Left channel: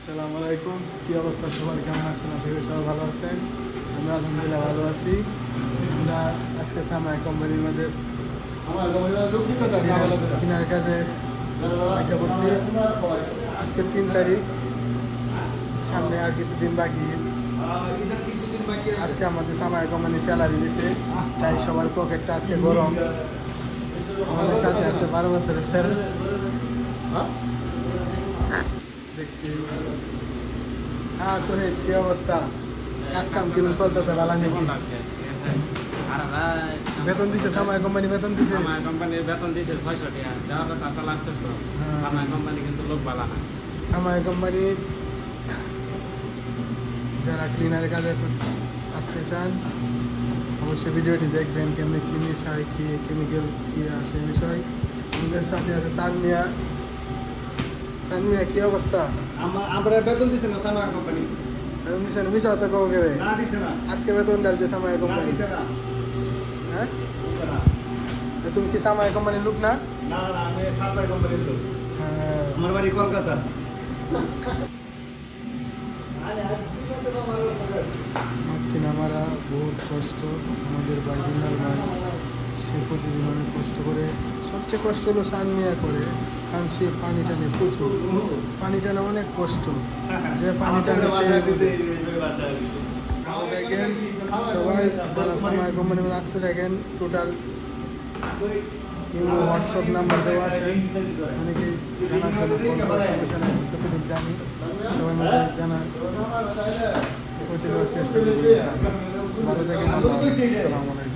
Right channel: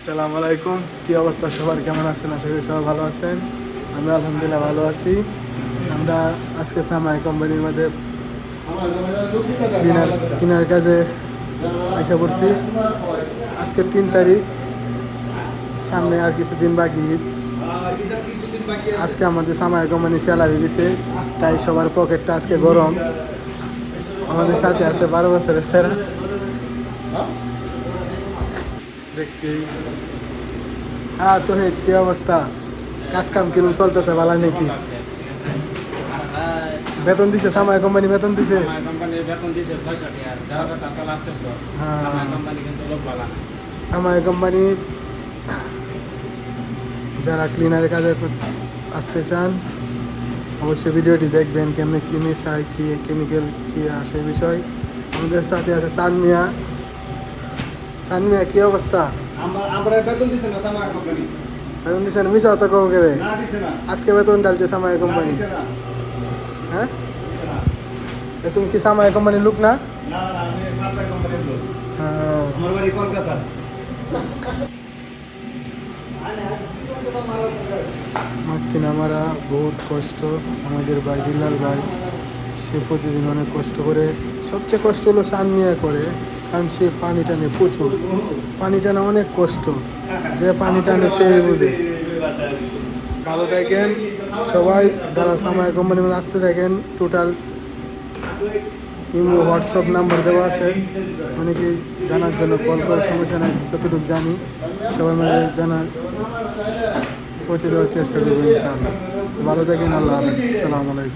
আসসালামু আলাইকুম। কি অবস্থা সবার? কেমন আছেন? আশা সবাই ভালো আছেন। আমি আলহামদুলিল্লাহ ভালো আছি। আমরা আজকে সামাই কোম্পানির মধ্যে কিনার- কাজে আশা করছি আজকে তিন তারিখ। সামনে আর কিছুদিন বাকি। আজকে আমাদের সামাই কোম্পানি স্যালারি দিছে, তাই সবার পকেটটা আজকে গরম। আমাদের সাথে আছে বারো বছরের সেরা দেখি। হ্যাঁ তো হে কি অবস্থা? কাজ কাম কিরম চলতেছে ভালো নাকি? বেতন দিছে সামাই কোম্পানি বেতন দিছে? আমার কোম্পানির বেতন দিয়েছে ছয়শো টাকা দেওয়ার কথা আছে লাস্টের হ্যাঁ। আমার কোম্পানি কিন্তু লোক ভালো না। সামাই কোম্পানি যারা ক্লিনারের কাজে আসতে চান অবশ্যই ভিডিওটি দেখবেন কেমনি কি মেশায় কি কেমিক্যাল কি আসে বিষয়। আমাদের সাথে আছে সানমিয়া। সানমিয়া কি অবস্থা? আমরা বেতন দিতে না সামা কোম্পানি বেতন দিছে না মিশা তো করে? না আজকে বেতন ডালছে সামাই না কোম্পানি হ্যাঁ? তুমি কি সামাই কোম্পানির লোক না? না না আমি কোম্পানির লোক। হ্যাঁ। আমার বাড়ি কলকাতা। বহুত কষ্ট। আমাদের ভাই বিলাল ভাই সে প্রতিদিন অনেক কষ্ট করে সবচেয়ে কষ্ট হলো সান মিয়া করে। কারণ সে পানি টানে প্রচুর। পানি টানা অনেক কষ্ট। যে পানি টানে সে বুঝে। ভালো থাকেন। সবাই যারা সামাই কোম্পানি আসতে থাকেন টোটাল ইমো, হোয়াটসঅ্যাপ নাম্বার দেওয়া আছে। অনেকে জানার জন্য কল করে সমস্যা নেই যতটুকু জানি সবাই মিলে জানার পৌঁছে দেওয়ার চেষ্টা করব ভালো থাকেন, আল্লাহ। আসসালামু আলাইকুম।